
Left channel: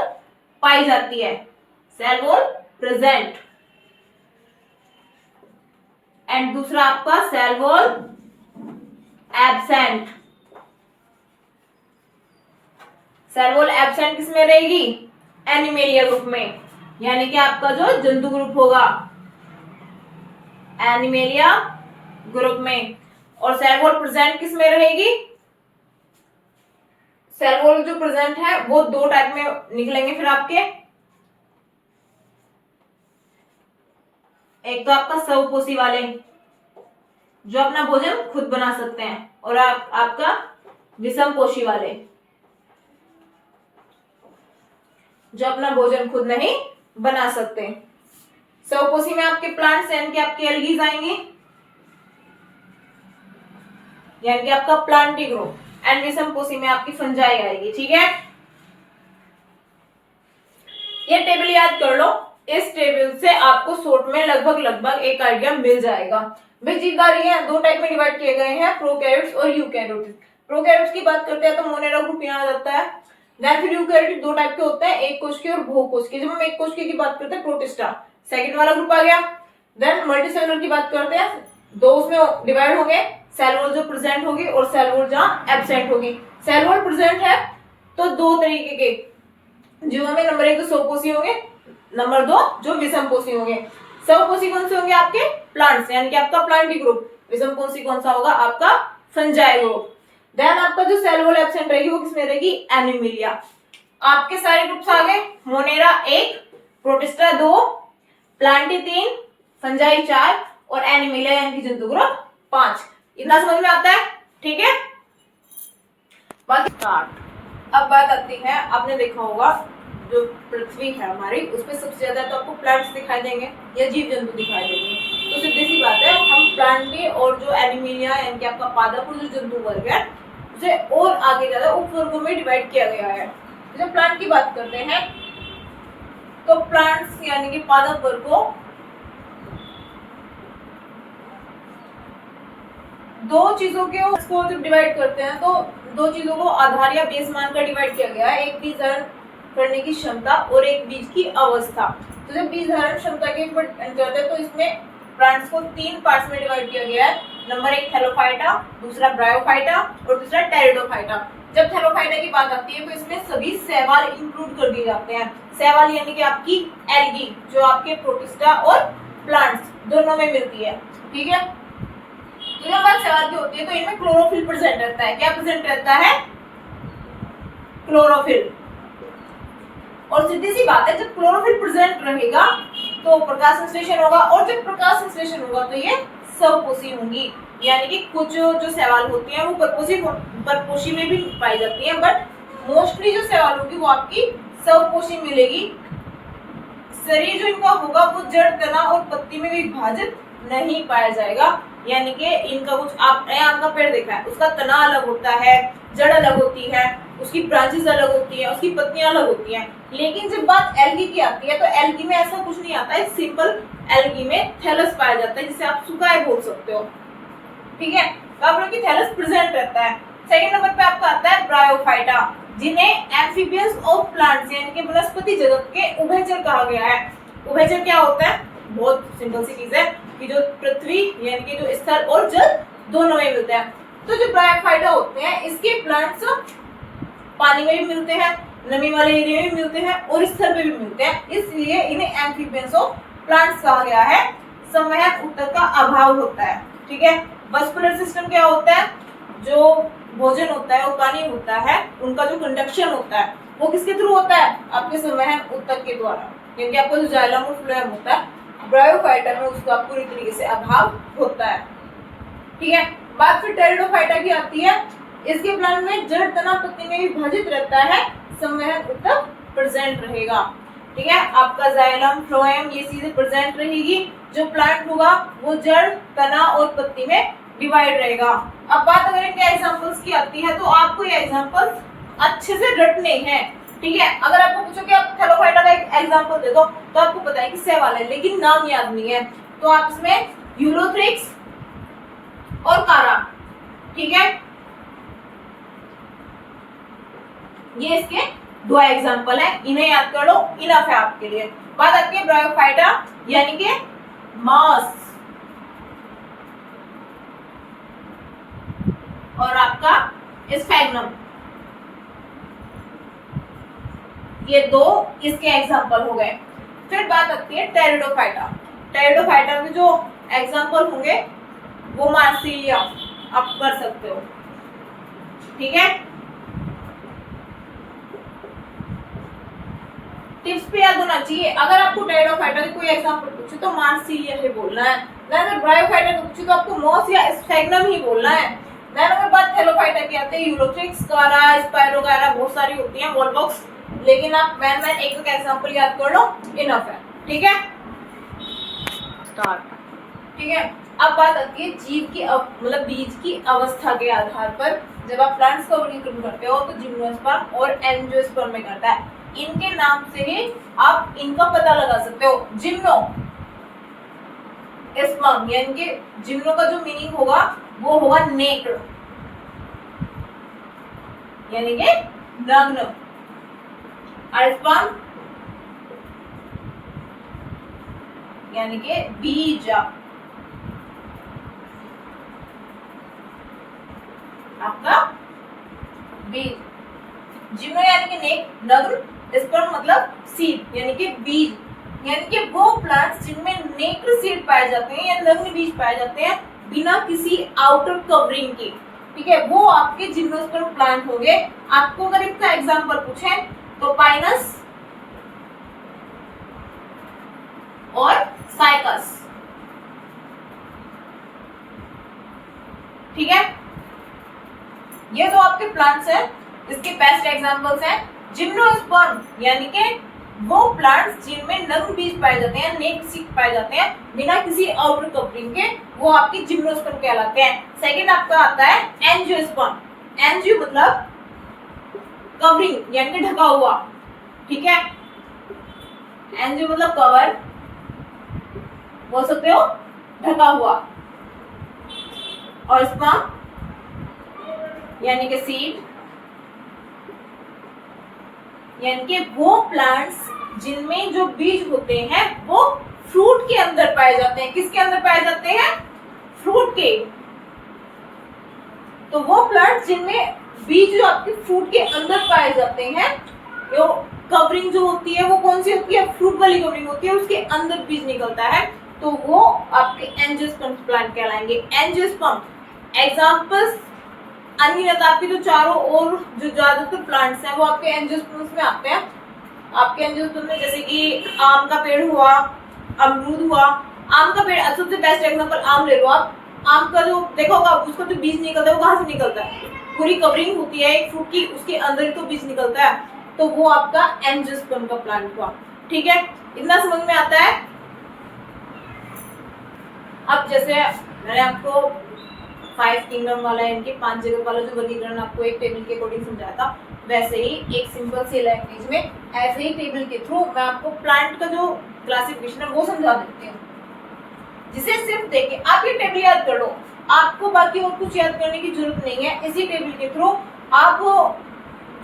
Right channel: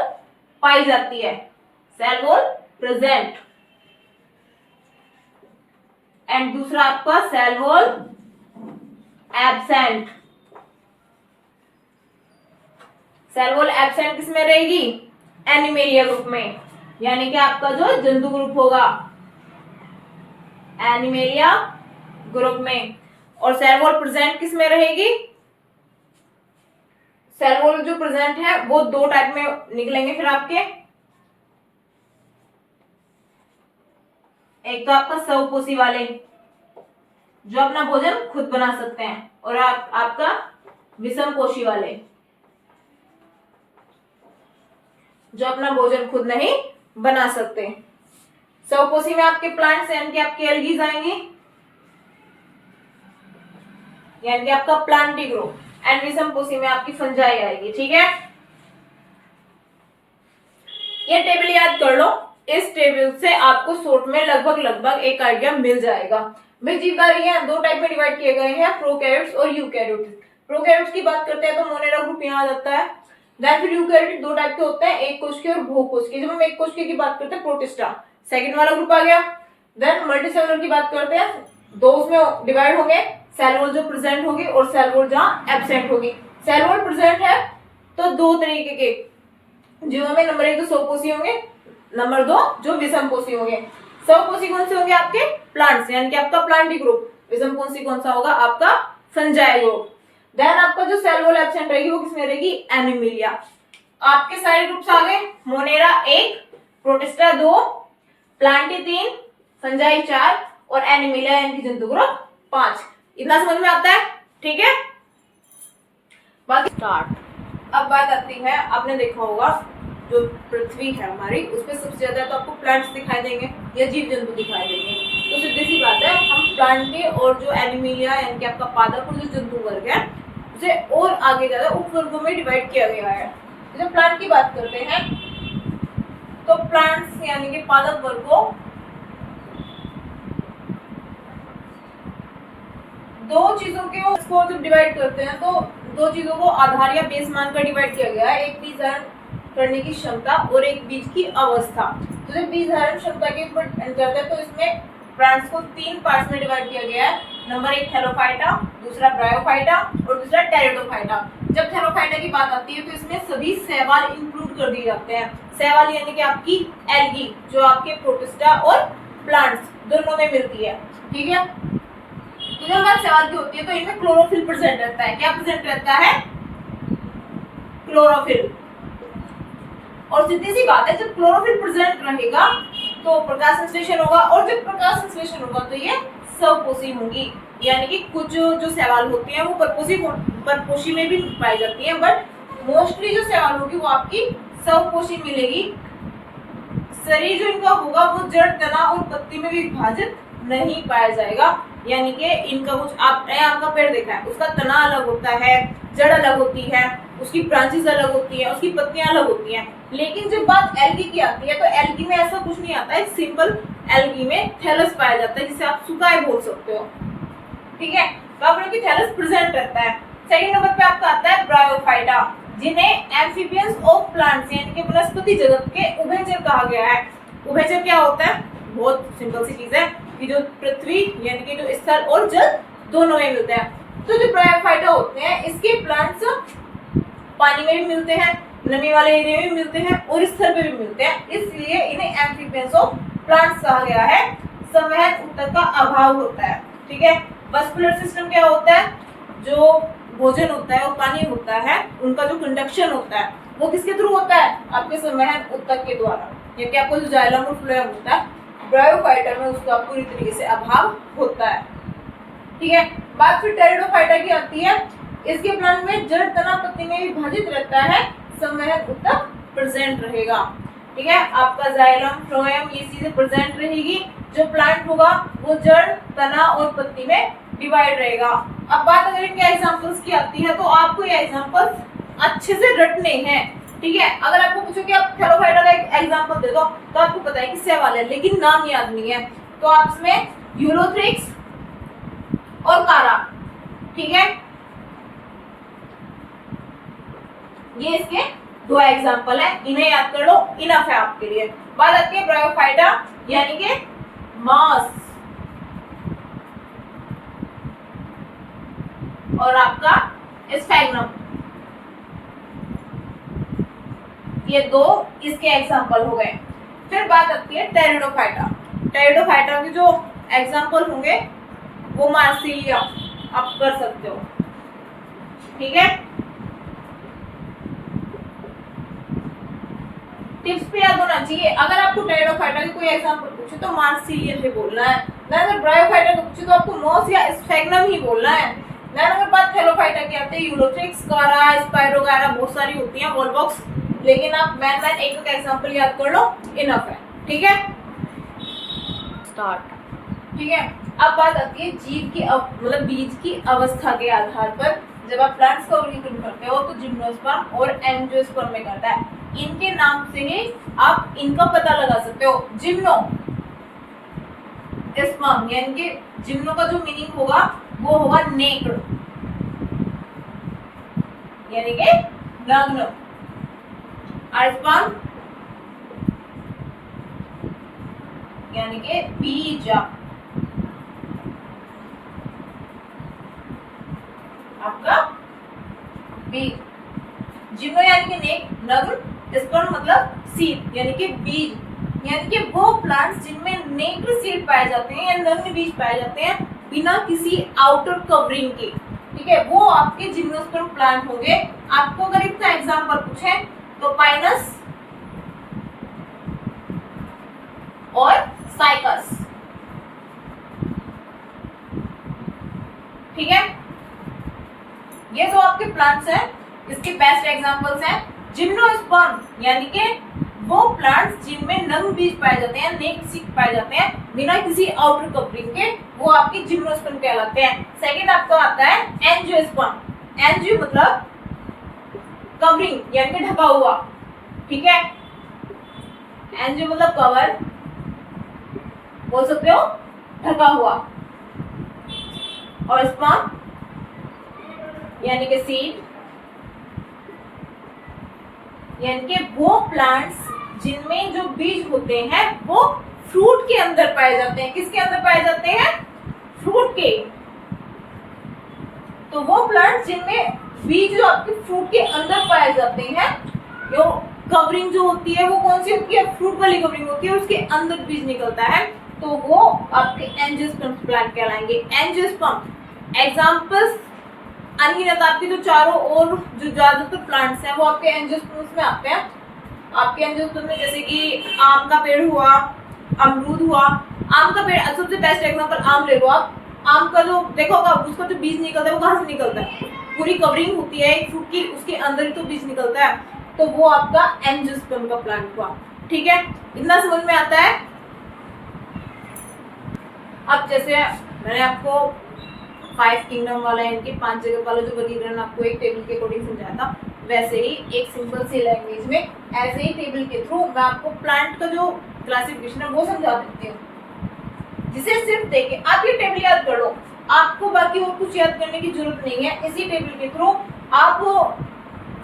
पाई जाती है, सेल वॉल प्रेजेंट, एंड दूसरा आपका cell wall absent. Cell wall absent किसमें रहेगी? एनिमेलिया ग्रुप में, यानी कि आपका जो जंतु ग्रुप होगा एनिमेलिया ग्रुप में। और सेल वॉल प्रेजेंट किसमें रहेगी? सेल वॉल जो प्रेजेंट है वो 2 टाइप में निकलेंगे फिर आपके। एक तो आपका स्वपोषी वाले जो अपना भोजन खुद बना सकते हैं, और आपका विषमपोषी वाले जो अपना भोजन खुद नहीं बना सकते। स्वपोषी में आपके प्लांट्स यानी कि आपके एल्गीज आएंगी, यानी कि आपका प्लांटी ग्रुप, एंड विषमपोषी में आपकी फंजाई आएगी। ठीक है, ये टेबल याद कर लो। इस टेबल से आपको शॉर्ट में लगभग एक आइडिया मिल जाएगा। भाई जीवधारी हैं 2 टाइप में डिवाइड किए गए हैं, प्रोकैरियोट्स और यूकैरियोट्स। प्रोकैरियोट्स की बात करते हैं तो मोनेरा ग्रुप यहाँ आ जाता है। देन फिर यूकैरियोटिक 2 टाइप के होते हैं, एक कोशिकीय और बहुकोशिकीय। जब हम एक कोशिकीय की बात करते हैं प्रोटिस्टा, सेकंड वाला ग्रुप आ गया। देन मल्टीसेलुलर की बात करते हैं, 2 उसमें डिवाइड होंगे, सेल वॉल जो प्रेजेंट होगी और सेल वॉल जहां एब्सेंट होगी। सेल वॉल प्रेजेंट है तो 2 तरीके के, जो हमें नंबर 1 तो स्वपोषी होंगे, नंबर 2 जो विषमपोषी होंगे। स्वपोषी कौन से होंगे? आपके प्लांट्स, यानी कि आपका प्लांटी ग्रुप। विषमपोषी कौन सा होगा? आपका फंजाई ग्रुप। देन आपका जो सेल वॉल एब्सेंट रहेगी वो किसमें रहेगी? एनिमिलिया। आपके सारे ग्रुप्स आ गए, मोनेरा 1, प्रोटिस्टा 2, प्लांटी 3, फंजाई 4 और एनिमिलिया यानी कि जंतु ग्रुप 5। इतना समझ में आता है? ठीक है, बाकी स्टार्ट। अब बात आती है, आपने देखा होगा जो पृथ्वी है हमारी, उसमें सबसे ज्यादा तो आपको प्लांट्स दिखाई देंगे या जीव जंतु दिखाई देंगे। तो सीधी सी बात है, हम प्लांटी और जो एनिमिलिया यानी कि आपका पादप और जो जंतु वर्ग है उसे और आगे ज्यादा उपवर्गों में डिवाइड किया गया है। जब प्लांट की बात करते हैं तो प्लांट्स यानी कि पादप वर्ग को 2 चीजों को जब डिवाइड करते हैं तो 2 चीजों को आधार या बेस मानकर डिवाइड किया गया है, एक बीज धारण करने की क्षमता और एक बीज की अवस्था। तो जब बीज धारण क्षमता के ऊपर करते हैं तो इसमें प्लांट्स को 3 पार्ट्स में डिवाइड किया गया है। नंबर 1 थैलोफाइटा, दूसरा ब्रायोफाइटा और दूसरा टेरिडोफाइटा। जब थैलोफाइटा की बात आती है तो इसमें सभी शैवाल इंक्लूड कर दिए जाते हैं। शैवाल यानी कि आपकी एल्गी जो आपके प्रोटिस्टा और प्लांट्स दोनों में मिलती है। ठीक है, तो जब बात सवाल की होती है तो इनमें क्लोरोफिल प्रेजेंट रहता है। क्या प्रेजेंट रहता है? क्लोरोफिल। और सीधी सी बात है, जब क्लोरोफिल प्रेजेंट रहेगा तो प्रकाश संश्लेषण होगा, और जब प्रकाश संश्लेषण होगा तो ये स्वपोषी होंगी। यानी कि कुछ जो शैवाल होती हैं वो परपोषी में भी पाई जाती हैं, बट मोस्टली जो शैवाल होगी वो आपकी स्वपोषी मिलेगी। शरीर जो इनका होगा वो जड़, तना और पत्ती में विभाजित नहीं पाया जाएगा। यानी कि इनका कुछ, आपने आम का पेड़ देखा है, उसका तना अलग होता है, जड़ अलग होती है, उसकी ब्रांचेस अलग होती हैं, उसकी पत्तियां अलग होती हैं। लेकिन जब बात एल्गी की आती है तो एल्गी में ऐसा कुछ नहीं आता है। सिंपल एल्गी में थैलस पाया जाता है, जिसे आप सुकाए बोल सकते हो। ठीक है, तो आप की थैलस प्रेजेंट रहता है। सेकंड नंबर पे आपका आता है ब्रायोफाइटा, जिन्हें एम्फीबियंस ऑफ प्लांट्स यानी कि वनस्पति जगत के उभयचर कहा गया है। उभयचर क्या होता है? बहुत सिंपल सी चीज है कि जो पृथ्वी यानी कि जो स्थल और जल दोनों में मिलते हैं। तो जो ब्रायोफाइटा होते हैं इसके प्लांट्स पानी में भी मिलते हैं, नमी वाले एरिया में भी मिलते हैं और स्थल पे भी मिलते हैं, इसलिए इन्हें एम्फीबियंस ऑफ प्लांट्स कहा गया है। संवहन ऊतक का अभाव होता है। ठीक है, वास्कुलर सिस्टम क्या होता है? जो भोजन होता है और पानी होता है, उनका जो कंडक्शन होता है वो किसके थ्रू होता है? आपके संवहन ऊतक के द्वारा। यानी कि आपको जो जाइलम और फ्लोएम होता है, ब्रायोफाइटा में उसका पूरी तरीके से अभाव होता है। ठीक है, बात फिर टेरिडोफाइटा की आती है। इसके प्लांट में जड़, तना, पत्ती में विभाजित रहता है, संवहन ऊतक प्रेजेंट रहेगा। ठीक है, आपका जाइलम, फ्लोएम ये चीजें प्रेजेंट रहेगी। जो प्लांट होगा वो जड़, तना और पत्ती में डिवाइड रहेगा। अब बात अगर इनके एग्जांपल्स की आती है तो आपको ये एग्जांपल्स अच्छे से रटने हैं। ठीक है, अगर आपको पूछो कि आप थैलोफाइटा का एक एग्जांपल दे दो तो आपको पता है कि शैवाल है, लेकिन नाम याद नहीं है, तो आप इसमें यूलोथ्रिक्स और कारा, ठीक है, ये इसके दो एग्जांपल है, इन्हें याद कर लो, इनफ है आपके लिए। बात आती है ब्रायोफाइटा यानी कि मास और आपका स्फैग्नम, ये दो इसके एग्जांपल हो गए। फिर बात आती है टेरिडोफाइटा। टेरिडोफाइटा के जो एग्जांपल होंगे वो मार्सिलिया आप कर सकते हो। ठीक है, टिप्स पे याद होना चाहिए। अगर आपको टेरिडोफाइटा के कोई एग्जांपल पूछे तो मार्सिलिया ही बोलना है। अगर ब्रायोफाइटा को पूछे तो आपको मॉस या स्फैग्नम ही बोलना है। अगर बात थैलोफाइटा की आती है, यूलोथ्रिक्स, कारा, स्पायरोगारा बहुत सारी होती हैं, वॉलबॉक्स, लेकिन आप मैन एक एग्जांपल याद कर लो, इनफ है। ठीक है, स्टार्ट। ठीक है, अब बात आती है जीव की मतलब बीज की अवस्था के आधार पर जब आप प्लांट्स का वर्गीकरण करते हो तो जिम्नोस्पर्म और एंजियोस्पर्म में करता है। इनके नाम से ही आप इनका पता लगा सकते हो। जिम्नो स्पर्म यानी कि जिम्नो का जो मीनिंग होगा वो होगा नेक्ड यानी कि नग्न। स्पर्म यानी कि बीज, आपका बीज। जिम्नो यानी कि नेक, नग्न, स्पर्म मतलब सीड यानी कि बीज, यानी कि वो प्लांट्स जिनमें नेक्ड सीड पाए जाते हैं या नग्न बीज पाए जाते हैं बिना किसी आउटर कवरिंग के। ठीक है, वो आपके जिम्नोस्पर्म प्लांट होंगे। आपको अगर इतना एग्जांपल पूछे तो पाइनस और साइकस। ठीक है, ये जो आपके प्लांट्स हैं इसके बेस्ट एग्जांपल्स हैं जिम्नोस्पर्म यानी कि वो प्लांट्स जिनमें नग्न बीज पाए जाते हैं, नेक्ड सीड पाए जाते हैं बिना किसी आउटर कवरिंग के, वो आपके जिम्नोस्पर्म कहलाते हैं। सेकंड आपका आता है एंजियोस्पर्म। एंजियो मतलब कवरिंग यानी कि ढका हुआ। ठीक है, एंजियो मतलब कवर, बोल सकते हो ढका हुआ, और स्पर्म यानी कि सीड यानी कि वो प्लांट्स जिनमें जो बीज होते हैं वो फ्रूट के अंदर पाए जाते हैं। किसके अंदर पाए जाते हैं? फ्रूट के। तो वो प्लांट्स जिनमें बीज जो आपके फ्रूट के अंदर पाए जाते हैं, जो कवरिंग जो होती है वो कौन सी होती है? फ्रूट वाली कवरिंग होती है, उसके अंदर बीज निकलता है, तो वो आपके एंजियोस्पर्म प्लांट कहलाएंगे। एंजियोस्पर्म एग्जांपल्स अनगिनत आपके जो चारों ओर जो ज्यादातर प्लांट्स हैं वो आपके एंजियोस्पर्म्स में आते हैं। आपके एंजियोस्पर्म में जैसे कि आम का पेड़ हुआ, अमरूद हुआ। आम का पेड़ सबसे बेस्ट एग्जांपल आम ले लो आप। आम का जो देखा होगा उसका जो बीज निकलता है वो कहाँ से निकलता है? पूरी कवरिंग होती है एक फ्रूट की, उसके अंदर ही तो बीज निकलता है, तो वो आपका एंजियोस्पर्म का प्लांट हुआ। ठीक है, इतना समझ में आता है। अब जैसे मैंने आपको 5 किंगडम वाला इनके 5 जगह वाला जो वर्गीकरण आपको एक टेबल के अकॉर्डिंग समझाया था, वैसे ही एक सिंपल सी लैंग्वेज में ऐसे ही टेबल के थ्रू मैं आपको प्लांट का जो क्लासिफिकेशन है वो समझा देती हूँ, जिसे सिर्फ देख के आप ये टेबल याद कर लो। आपको बाकी और कुछ याद करने की जरूरत नहीं है। इसी टेबल के थ्रू आप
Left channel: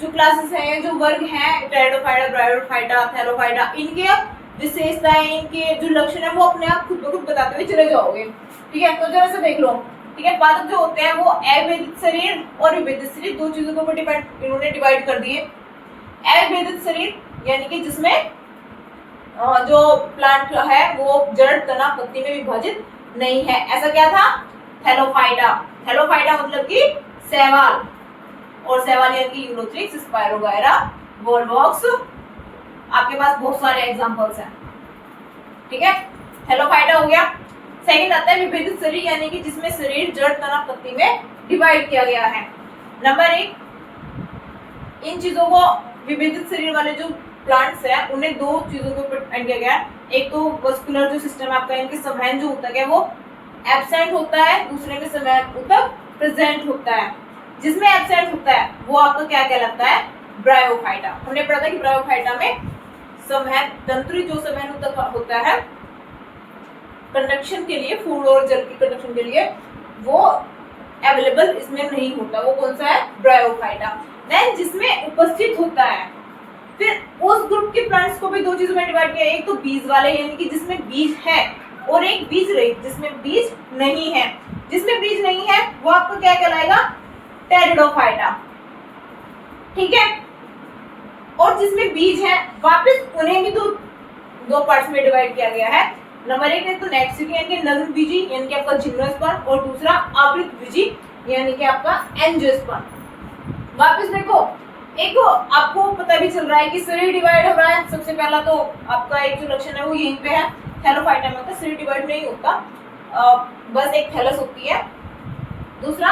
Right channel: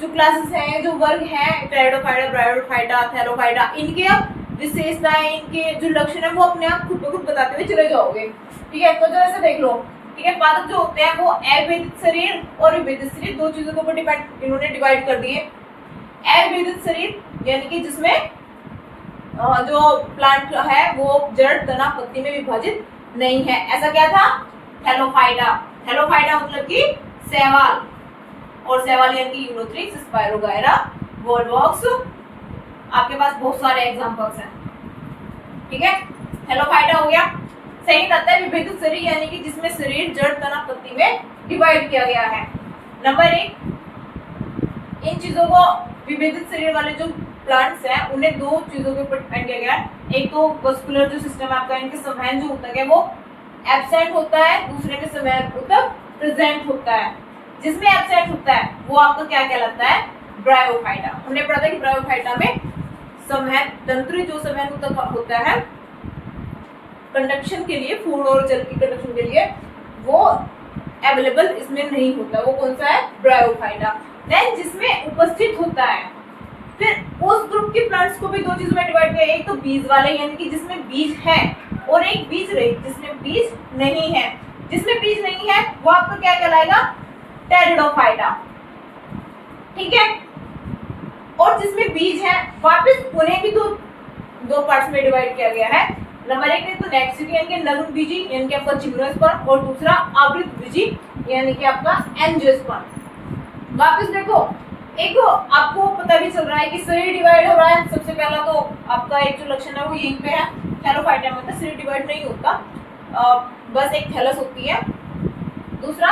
जो क्लासेस हैं, जो वर्ग हैं, टेरिडोफाइटा, ब्रायोफाइटा, थैलोफाइटा, इनके आप विशेषताएं, इनके जो लक्षण है वो अपने आप खुद ब खुद बताते हुए चले जाओगे। ठीक है, तो जरा से देख लो। ठीक है, पादप जो होते हैं वो अविभेदित शरीर और विभेदित शरीर दो चीजों के ऊपर इन्होंने डिवाइड कर दिए। अविभेदित शरीर यानी कि जिसमें जो प्लांट है वो जड़, तना, पत्ती में विभाजित नहीं है, ऐसा क्या था? थैलोफाइटा। थैलोफाइटा मतलब कि शैवाल, और शैवाल यानी कि यूनोथ्रिक्स, स्पायरोगायरा, वोलवॉक्स, आपके पास बहुत सारे एग्जांपल्स हैं। ठीक है, थैलोफाइटा हो गया। सेकंड आता है विभेदित शरीर यानी कि जिसमें शरीर जड़, तना, पत्ती में डिवाइड किया गया है। नंबर 1, इन चीजों को विभेदित शरीर वाले जो प्लांट्स हैं उन्हें दो चीजों के ऊपर डिपेंड किया गया है। एक तो वस्कुलर जो सिस्टम है आपका, इनके संवहन जो ऊतक है वो एब्सेंट होता है, दूसरे के संवहन ऊतक प्रेजेंट होता है। जिसमें एब्सेंट होता है वो आपका क्या कहलाता है? ब्रायोफाइटा। हमने पढ़ा था कि ब्रायोफाइटा में संवहन तंत्र जो संवहन ऊतक होता है कंडक्शन के लिए, फूड और जल की कंडक्शन के लिए, वो अवेलेबल इसमें नहीं होता। वो कौन सा है? ब्रायोफाइटा। देन जिसमें उपस्थित होता है, फिर उस ग्रुप के प्लांट्स को भी दो चीजों में डिवाइड किया। एक तो बीज वाले यानी कि जिसमें बीज है, और एक बीज रहित जिसमें बीज नहीं है। जिसमें बीज नहीं है वो आपका क्या कहलाएगा? टेरिडोफाइटा। ठीक है, और जिसमें बीज है वापस उन्हें भी दो पार्ट्स में डिवाइड किया गया है। नंबर 1 है तो नेक्स्ट यानी कि नग्न बीजी यानी कि आपका जिम्नोस्पर्म, और दूसरा आवृत बीजी यानी कि आपका एंजियोस्पर्म। वापस देखो, एक आपको पता भी चल रहा है कि शरीर डिवाइड हो रहा है। सबसे पहला तो आपका एक जो लक्षण है वो यहीं पे है। थैलोफाइटा में तो शरीर डिवाइड नहीं होता, बस एक थैलस होती है। दूसरा,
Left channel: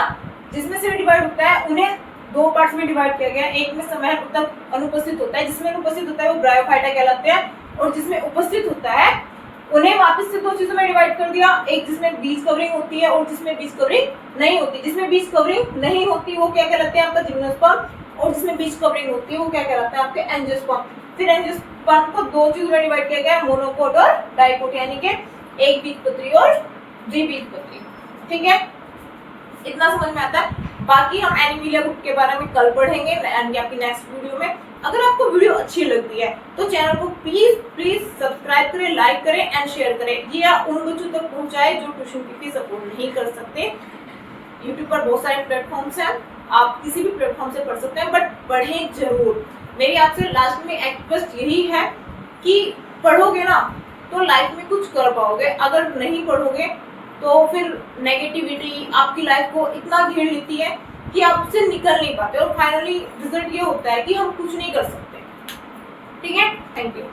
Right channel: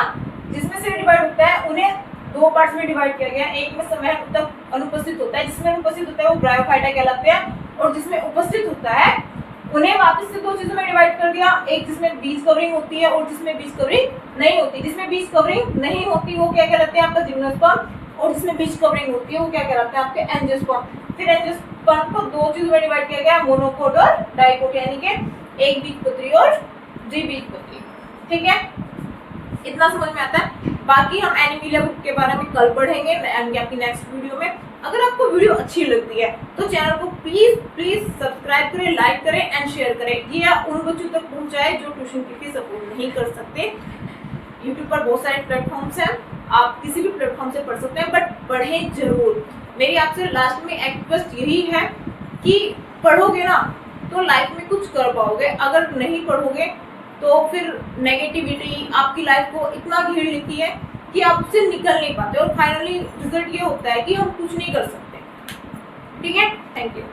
जिसमें शरीर डिवाइड होता है उन्हें दो पार्ट्स में डिवाइड किया गया है। एक में संवहन ऊतक अनुपस्थित होता है, जिसमें अनुपस्थित होता है वो ब्रायोफाइटा कहलाते हैं, और जिसमें उपस्थित होता है उन्हें वापस से दो चीजों में डिवाइड कर दिया। एक जिसमें बीज कवरिंग होती है और जिसमें बीज कवरिंग नहीं होती। जिसमें बीज कवरिंग नहीं होती वो क्या कहलाते हैं? आपका जिम्नोस्पर्म, और जिसमें बीज कवरिंग होती है वो क्या कहलाता है? आपके एंजियोस्पर्म। फिर एंजियोस्पर्म को दो चीजों में डिवाइड किया गया, मोनोकोट और डाइकोट, यानी कि एक बीजपत्री और द्विबीजपत्री। ठीक है, इतना समझ में आता है। बाकी हम एनिमिलिया ग्रुप के बारे में कल पढ़ेंगे यानी आपकी नेक्स्ट वीडियो में। अगर आपको वीडियो अच्छी लगती है तो चैनल को प्लीज सब्सक्राइब करें, लाइक करें एंड शेयर करें। ये उन बच्चों तक पहुंचाए जो ट्यूशन की फीस अफोर्ड नहीं कर सकते। यूट्यूब पर बहुत सारे प्लेटफॉर्म्स हैं, आप किसी भी प्लेटफॉर्म से पढ़ सकते हैं, बट पढ़ें जरूर। मेरी आपसे लास्ट में एक रिक्वेस्ट यही है कि पढ़ोगे ना तो लाइफ में कुछ कर पाओगे। अगर नहीं पढ़ोगे तो फिर नेगेटिविटी आपकी लाइफ को इतना घेर लेती है कि आप उससे निकल नहीं पाते, और फाइनली रिजल्ट ये होता है कि हम कुछ नहीं कर सकते। ठीक है, थैंक यू।